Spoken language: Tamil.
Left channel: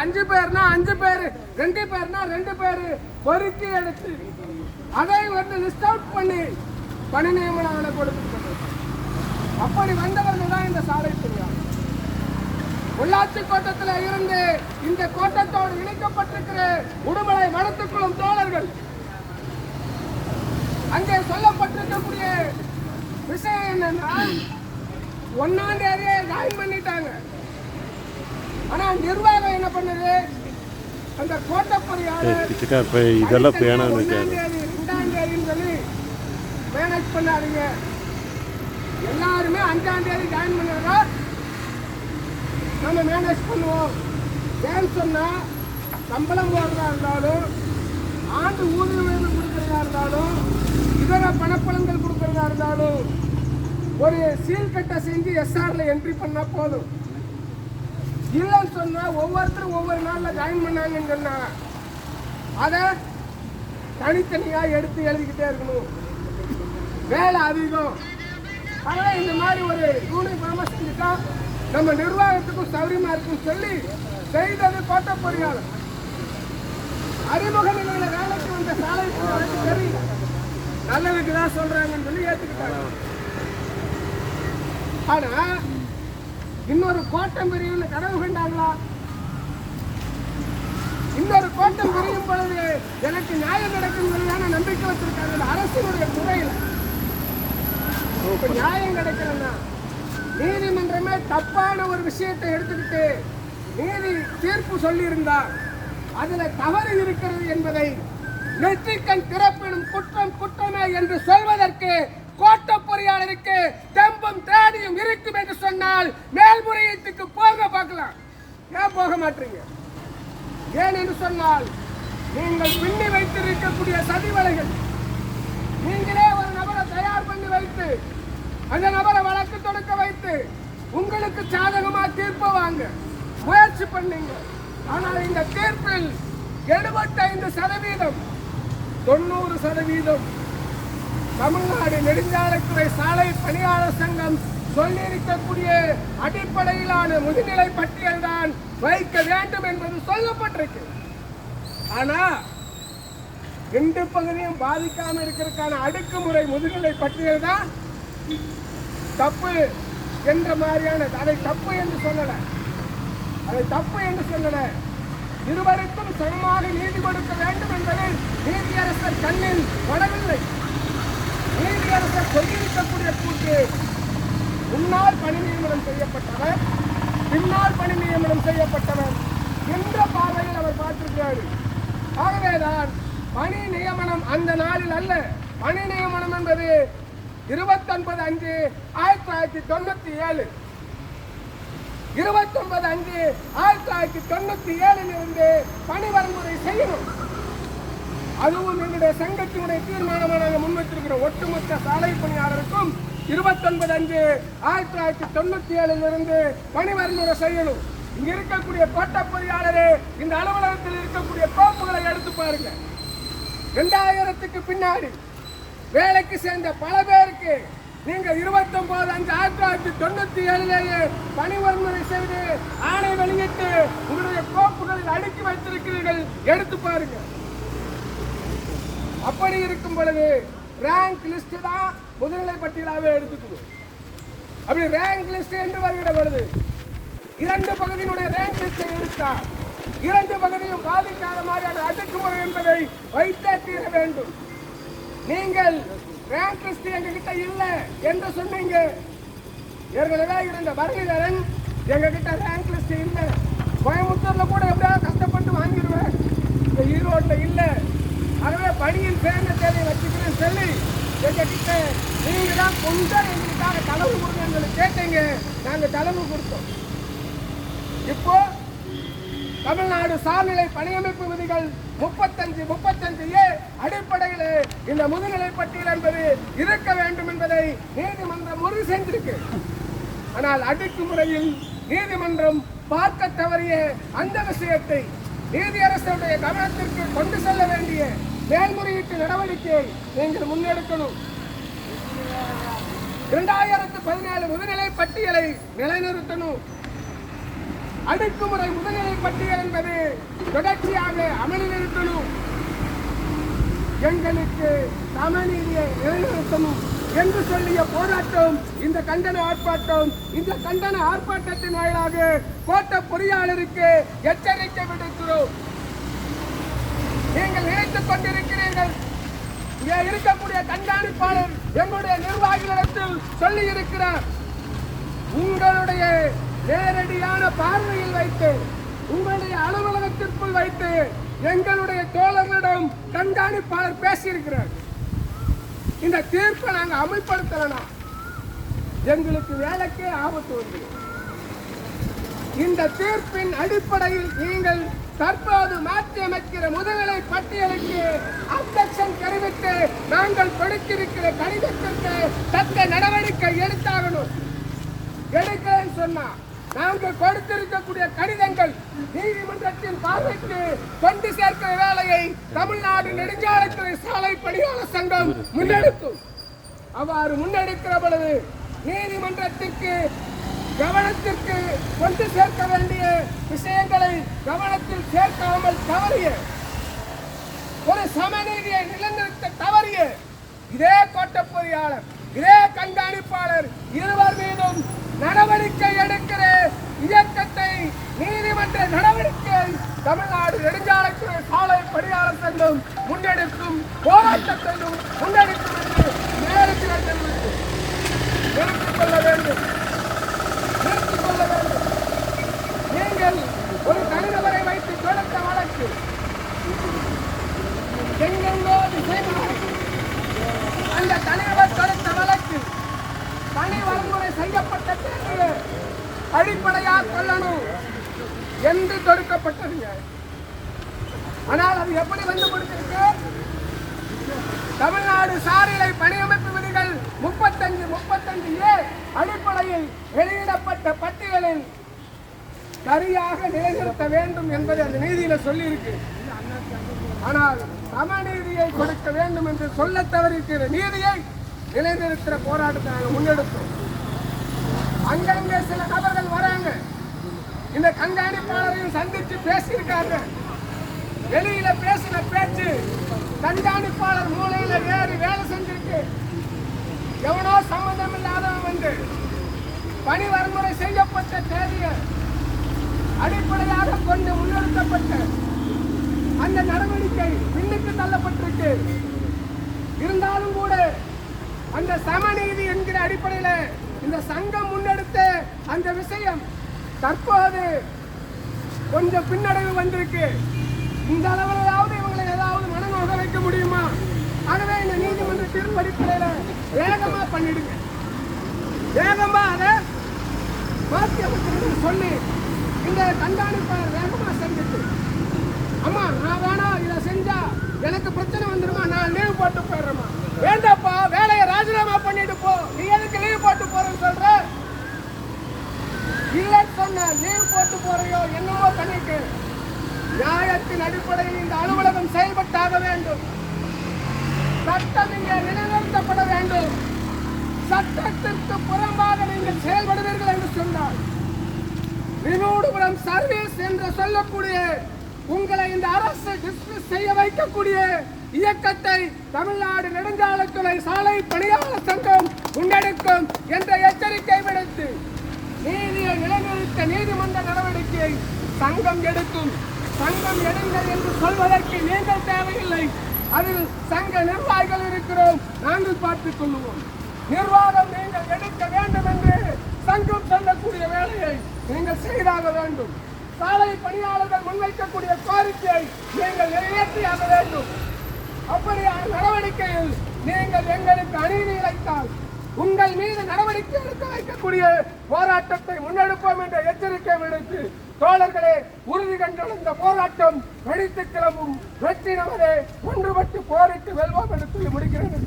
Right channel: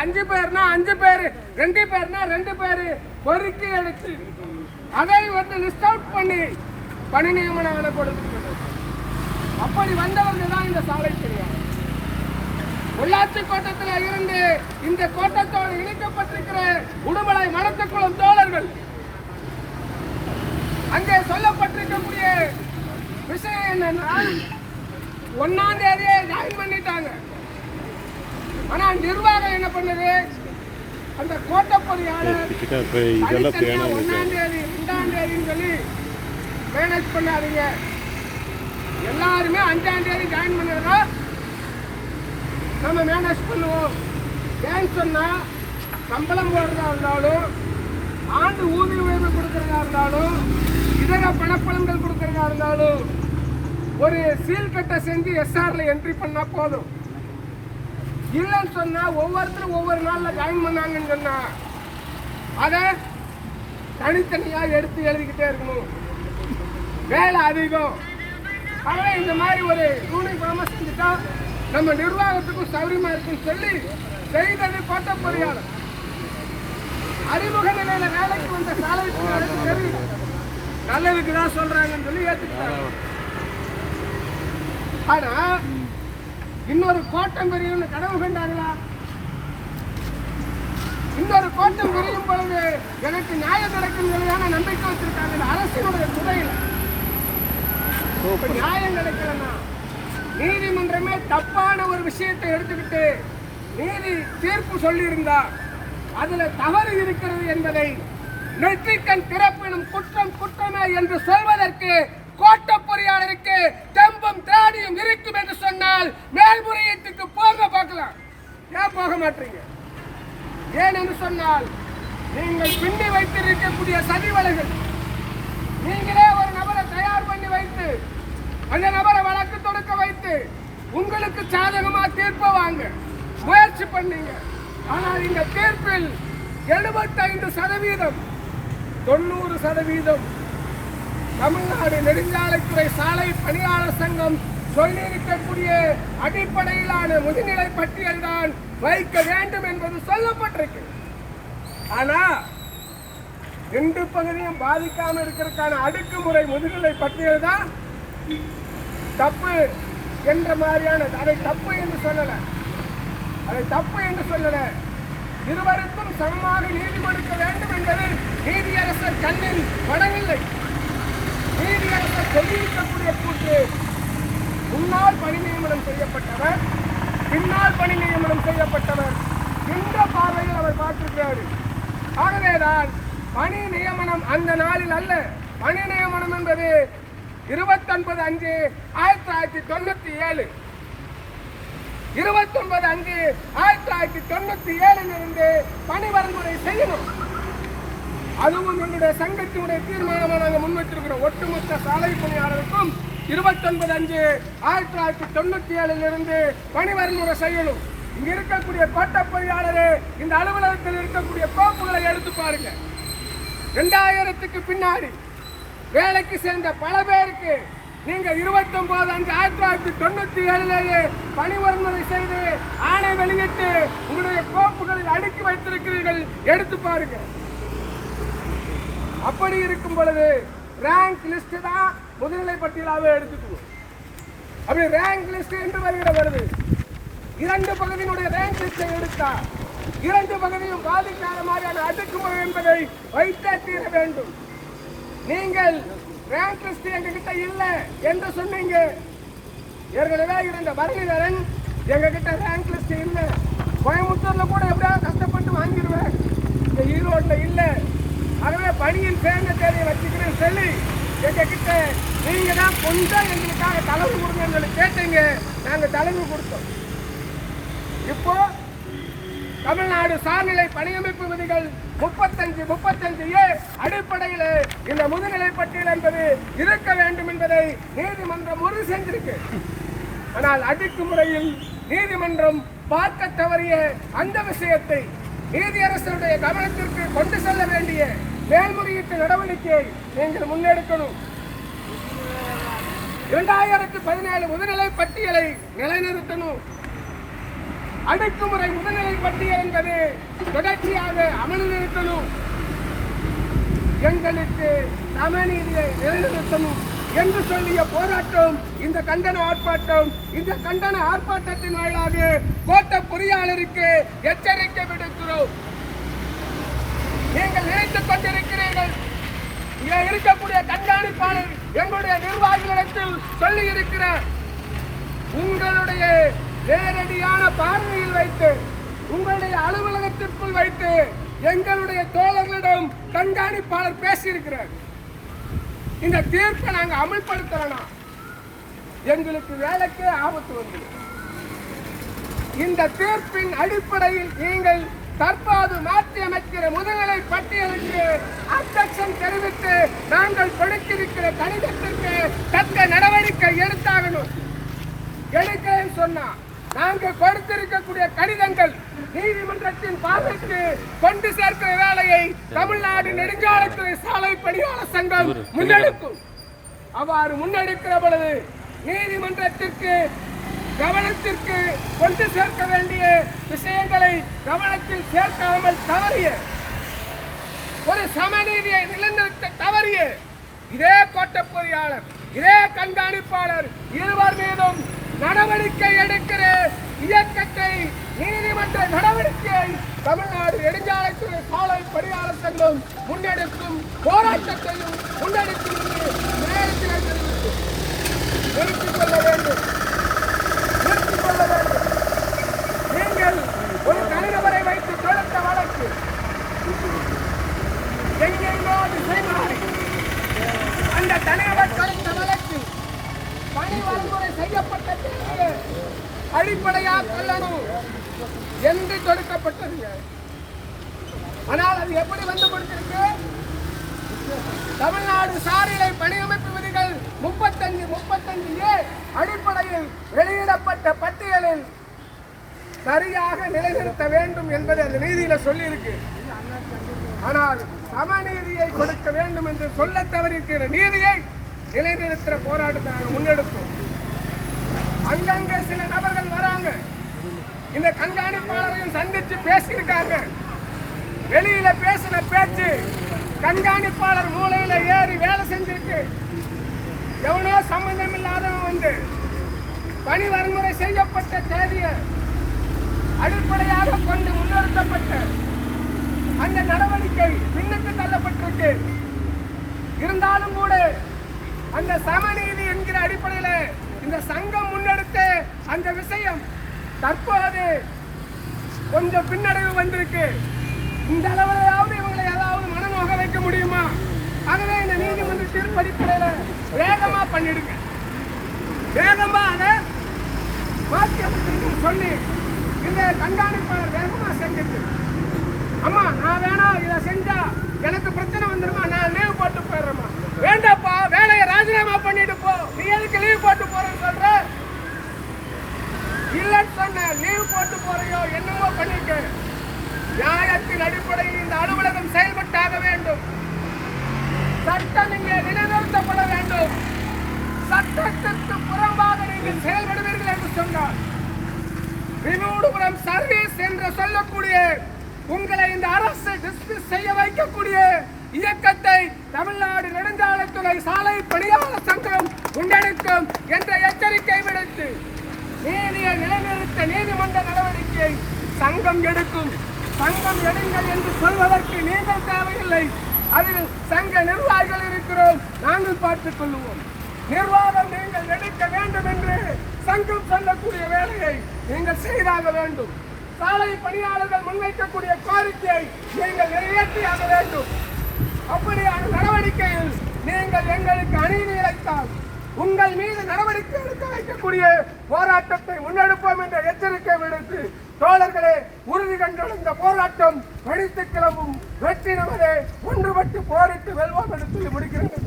5 பேர்னா 5 பேர், 2 பேர்னா 2 பேர் பொறுக்கி எடுத்து அதை வந்து லிஸ்ட் அவுட் பண்ணி பணி நியமனங்களை கொடுத்து அப்படி வந்தவர்கள் தான் இந்த சாலை பணியாளர். உள்ளாட்சி கோட்டத்தில் இருந்து இந்த கோட்டத்தோடு இணைக்கப்பட்டிருக்கிற உடுமலை மனத்துக்குழும் தோழர்கள் அங்கே சொல்லப்பட்டிருக்கக்கூடிய விஷயம் என்னன்னா 1ஆம் தேதியே ஜாயின் பண்ணிட்டாங்க. ஆனா நிர்வாகம் என்ன பண்ணுது, அந்த கோட்ட பொறியாளர் 1ஆம் தேதி 2ஆம் தேதின்னு சொல்லி மேனேஜ் பண்ணாதீங்க. எல்லாருமே 5ஆம் தேதி ஜாயின் பண்ணுறதா நம்ம மேனேஜ் பண்ணுவோம். ஏன்னு சொன்னா சம்பளம் போடுறதா இருந்தாலும், ஆண்டு ஊதிய உயர்வு கொடுக்கறதா இருந்தாலும், இதர பணப்பலன்கள் கொடுக்கறதா இருந்தாலும் ஒரு சீல் கட்டை செஞ்சு எஸ்ஆர்ல என்ட்ரி பண்ணா போதும். இல்லைன்னு சொன்னா ஒவ்வொருத்தரும் ஒவ்வொரு நாள்ல ஜாயின் பண்ணாங்கன்னு சொன்னா அதை தனித்தனியா எடுத்து எழுதிக்கிட்டே இருக்கணும். வேலை அதிகம். அதனால இந்த மாதிரி ஒரு யூனிஃபார்மா செஞ்சுட்டா நம்ம நிர்வாகத்துக்கும் சௌரியமா இருக்குன்னு சொல்லி செய்தது கோட்ட பொறியாளர். அறிமுக நிலையில வேலைக்கு வந்த சாலை பணியாளருக்கு தெரியல, நல்லதுக்கு தான் சொல்றாங்கன்னு சொல்லி ஏற்றுக்கிட்டாங்க. ஆனா இன்னொரு கோட்டம் பெரியவங்க கனவு கண்டாங்களா? இன்னொரு கோட்டம் பெரியும் பொழுது எனக்கு நியாயம் நடக்கும் சொல்லியான நம்பிக்கை வச்சிருக்காங்க. அரசினுடைய துறையில நியாயம் கிடைக்கலன்னா நீதிமன்றமே தப்பான ஒரு விஷயத்தை எடுத்துக்கிட்டு நீதி தீர்ப்பு சொல்லி இருந்தா அதுல தவறு இருக்கிறது என்பதை நெற்றிக்கண் திறப்பினும் குற்றம் குற்றமே என்று சொல்வதற்கு கோட்ட பொறியாளருக்கு தெம்பும் திராணியும் இருக்கும் என்று சொன்னால் மேல்முறையீட்டுக்கு போக பார்க்கலாம். ஏன் போக மாட்டீங்க? ஏனென்று சொன்னால் நீங்கள் பின்னி வைத்திருக்கக்கூடிய சதிவலைகள், நீங்களே ஒரு நபரை தயார் பண்ணி வைத்து அந்த நபரை வழக்கு தொடுக்க வைத்து உங்களுக்கு சாதகமா தீர்ப்பு வாங்க முயற்சி பண்ணீங்க. ஆனால் இந்த தீர்ப்பில் 75% 90% தமிழ்நாடு நெடுஞ்சாலைத்துறை சாலை பணியாளர் சங்கம் சொல்லியிருக்கக்கூடிய அடிப்படையிலான முதுநிலை பட்டியல் தான் வைக்க வேண்டும் என்பது சொல்லப்பட்டிருக்கு. ஆனா 2 பகுதியும் பாதிக்காம இருக்கிறதுக்கான அடுக்குமுறை முதுநிலை பட்டியல் தான் தப்பு என்ற மாதிரியான, அதை தப்பு என்று சொல்லல, அதை தப்பு என்று சொல்லல, இருவருக்கும் சமமாக நீதி கொடுக்க வேண்டும் என்பது நீதியரசர் கண்ணில் படவில்லை. நீதியரசர் சொல்லியிருக்கக்கூடிய கூட்டு முன்னால் பணி நியமனம் செய்யப்பட்டவர், பின்னால் பணி நியமனம் செய்யப்பட்டவர் என்ற பார்வையில் அவர் பார்த்திருக்கிறார். ஆகவேதான் பணி நியமனம் அந்த நாளில் அல்ல. பணி நியமனம் என்பது 29/5/1997 29/5/1997 இருந்து பணி வரைமுறை செய்யணும். அதுவும் எங்களுடைய சங்கத்தினுடைய தீர்மானமாக நாங்கள் முன்வைத்திருக்கிறோம். ஒட்டுமொத்த சாலை பணியாளருக்கும் 29/5/1997 இருந்து பணி வரைமுறை செய்யணும். இங்க இருக்கக்கூடிய கோட்ட பொறியாளரே இந்த அலுவலகத்தில் இருக்கக்கூடிய கோப்புகளை எடுத்து பாருங்க. 2000க்கு பின்னாடி வேலைக்கு சேர்ந்த பல பேருக்கு நீங்க 29/5/1997 பணி வன்முறை செய்து ஆணை வெளியிட்டு உங்களுடைய கோப்புகளில் அடுக்கி வைத்திருக்கிறீர்கள், எடுத்து பாருங்க. அப்படி இருக்கும் பொழுது ரேங்க் லிஸ்ட் தான் முதுநிலை பட்டியலாகவே எடுத்துக்கணும். அப்படி ரேங்க் லிஸ்ட் என்று வருகிறது. 2 பகுதியினுடைய ரேங்க் லிஸ்டை எடுத்தா 2 பகுதியும் பாதிக்காத மாதிரியான அடுக்குமுறை என்பதை வைத்தே தீர வேண்டும். நீங்கள் ரேங்க் லிஸ்ட் எங்ககிட்ட இல்ல என்று சொன்னீங்க. ஏற்கனவே இருந்த பரணிதரன் எங்ககிட்ட ரேங்க் லிஸ்ட் இல்ல, கோயம்புத்தூர்ல கூட எப்படியாவது கஷ்டப்பட்டு வாங்கிடுவேன், இந்த ஈரோட்ல இல்ல, ஆகவே பணியில் சேர்ந்த தேதியை வச்சுக்கிறேன்னு சொல்லி எங்ககிட்ட நீங்க தான் கொஞ்சம் எங்களுக்காக தலைவு கொடுங்கன்னு சொல்லி கேட்டீங்க. நாங்க தலைவு கொடுத்தோம். இப்போ தமிழ்நாடு சார்நிலை பணியமைப்பு விதிகள் 35 அடிப்படையில் இந்த முதுநிலை பட்டியல் என்பது இருக்க வேண்டும் என்பதை நீதிமன்றம் உறுதி செஞ்சிருக்கு. ஆனால் அடுக்குமுறையில் நீதிமன்றம் பார்க்க தவறிய அந்த விஷயத்தை நீதியரசருடைய கவனத்திற்கு கொண்டு செல்ல வேண்டிய மேல்முறையீட்டு நடவடிக்கையை நீங்கள் முன்னெடுக்கணும். 2017 முதுநிலை பட்டியலை நிலைநிறுத்தணும். அடக்குமுறை முதுநிலை பட்டியல் என்பது தொடர்ச்சியாக அமலில் இருக்கணும். எங்களுக்கு சமநீதியை நிலைநிறுத்தணும் என்று சொல்லிய போராட்டம் இந்த கண்டன ஆர்ப்பாட்டம். இந்த கண்டன ஆர்ப்பாட்டத்தின் வாயிலாக கோட்ட பொறியாளருக்கு எச்சரிக்கை விடுக்கிறோம். நீங்கள் நினைத்துக் கொண்டிருக்கிறீர்கள், இங்கே இருக்கக்கூடிய கண்காணிப்பாளர் எங்களுடைய நிர்வாகிகளிடத்தில் சொல்லி இருக்கிறார். உங்களுடைய நேரடியான பார்வையில் வைத்து, உங்களுடைய அலுவலகத்திற்குள் வைத்து எங்களுடைய தோழர்களிடம் கண்காணிப்பாளர் பேசியிருக்கிறார். இந்த தீர்ப்பை நாங்க அமல்படுத்தலாம், எங்களுக்கு வேலைக்கே ஆபத்து வந்து. இந்த தீர்ப்பின் அடிப்படையில் நீங்கள் தற்போது மாற்றி அமைக்கிற முதுநிலை பட்டியலுக்கு அப்ஜெக்ஷன் தெரிவித்து நாங்கள் கொடுத்திருக்கிற கடிதத்திற்கு தக்க நடவடிக்கை எடுத்தாகணும். எடுக்கன்னு சொன்னா நாங்கள் கொடுத்திருக்கக்கூடிய கடிதங்கள் நீதிமன்றத்தின் பார்வைக்கு கொண்டு சேர்க்கிற வேலையை தமிழ்நாடு நெடுஞ்சாலைத்துறை சாலை பணியாளர் சங்கம் முன்னெடுக்கும். அவ்வாறு முன்னெடுக்கிற பொழுது நீதிமன்றத்திற்கு கவனத்திற்கு கொண்டு சேர்க்க வேண்டிய விஷயங்களை கவனத்தில் சேர்க்காமல் தவறிய, ஒரு சமநீதியை நிலைநிறுத்த தவறிய இதே கோட்ட பொறியாளர், இதே கண்காணிப்பாளர் இருவர் மீதும் நடவடிக்கை எடுக்கிற இயக்கத்தை நீதிமன்ற நடவடிக்கை தமிழ்நாடு நெடுஞ்சாலைத்துறை சாலை பணியாளர் சங்கம் முன்னெடுக்கும் போராட்டத்தையும் முன்னெடுக்கும் என்று நேரத்தில் தெரிவித்து நிறுத்திக் கொள்ள வேண்டும். நீங்கள் ஒரு தனிநபரை வைத்து தொடுத்த வழக்கு எங்கெங்கோ அந்த தனிநபர் தொடுத்த வழக்கு பணி வழிமுறை செய்யப்பட்ட பிறகு அடிப்படையாக கொள்ளணும் என்று தொடுக்கப்பட்டது. ஆனால் அது எப்படி வந்து கொடுத்திருக்கு? தமிழ்நாடு சாரிலை பணியமைப்பு விதிகள் 35A அடிப்படையில் வெளியிடப்பட்ட பட்டியலில் சரியாக நிலைநிறுத்த வேண்டும் என்பதை அந்த நீதியில சொல்லி இருக்கு. ஆனால் சமநீதியை கொடுக்க வேண்டும் என்று சொல்ல தவறிருக்கிற நீதியை நிலைநிறுத்துற போராட்டத்தை நாங்கள் முன்னெடுப்போம். அங்கங்கே சில நபர்கள் வராங்க, இந்த கண்காணிப்பாளரையும் சந்தித்து பேசியிருக்காங்க. வெளியில பேசின பேச்சு கண்காணிப்பாளர் மூலையில ஏறி வேலை செஞ்சிருக்கு. எவனோ சம்பந்தம் இல்லாதவன் வந்து பணி வன்முறை செய்யப்பட்ட தேதியை அடிப்படையாக கொண்டு முன்னெடுக்கப்பட்ட அந்த நடவடிக்கை பின்னுக்கு தள்ளப்பட்டிருக்கு. இருந்தாலும் கூட அந்த சமநீதி என்கிற அடிப்படையில் இந்த சங்கம் முன்னெடுத்த அந்த விஷயம் தற்போது கொஞ்சம் பின்னடைவு வந்திருக்கு. இந்த அளவிலையாவது இவங்களை ஏதாவது மனநோக வைக்க முடியுமா? ஆகவே இந்த நீதிமன்ற தீர்ப்பு அடிப்படையில் வேகமா பண்ணிடுங்க, வேகமா அதை மாற்றி அமைச்சிருக்குன்னு சொல்லி இந்த கண்காணிப்பாளர் வேகமா செஞ்சுட்டு, அம்மா நான் வேணா இதை செஞ்சா எனக்கு பிரச்சனை வந்துருமா, நான் லீவ் போட்டு போயிடுறேம்மா, வேண்டாப்பா வேலையை ராஜினாமா பண்ணிட்டு போ, நீ எதுக்கு லீவ் போட்டு போறேன்னு சொல்ற? இல்லைன்னு சொன்ன லீவ் போட்டு போறையோ என்னவோ பண்ணிக்க. நியாயத்தின் அடிப்படையில் இந்த அலுவலகம் செயல்பட்டாக வேண்டும். சட்டம் இங்கே நிலைநிறுத்தப்பட வேண்டும். சட்டத்திற்கு புறம்பாக நீங்கள் செயல்படுவீர்கள் என்று சொன்னால் வினோடுபுரம் சர்வீஸ் என்று சொல்லக்கூடிய உங்களை இந்த அரசு டிஸ்மிஸ் செய்ய வைக்கக்கூடிய இயக்கத்தை தமிழ்நாடு நெடுஞ்சாலைத்துறை சாலை பணியாளர் சங்கம் முன்னெடுக்கும் என்ற எச்சரிக்கை விடுத்து நீதியை நிலைநிறுத்த நீதிமன்ற நடவடிக்கை சங்கம் எடுக்கும். சங்கம் எடுங்கள் என்று சொல்வதற்கு நீங்கள் தேவையில்லை. அதில் சங்க நிர்வாகிகள் இருக்கிறோம், நாங்கள் பார்த்துக் கொள்வோம். நிர்வாகம் நீங்கள் எடுக்க வேண்டும் என்று சங்கம் சொல்லக்கூடிய வேலையை நீங்கள் செய்தாக வேண்டும். சாலை பணியாளர்கள் முன்வைக்கக்கூடிய கோரிக்கையை நீங்கள் நிறைவேற்றியாக வேண்டும். அப்படியான நடவடிக்கையில் நீங்கள் எங்களுக்கு அநீதி இழைத்தால் உங்கள் மீது நடவடிக்கை எடுக்க வைக்கக்கூடிய போராட்டத்தை முன்னெடுப்போம் என்ற எச்சரிக்கை விடுத்து, தோழர்களே, உறுதி கண்டுள்ள இந்த போராட்டம் வெடித்து கிளம்பும். வெற்றி நமதே, ஒன்றுபட்டு போரிட்டு வெல்வோம் என்று சொல்லி முடிக்கிறது.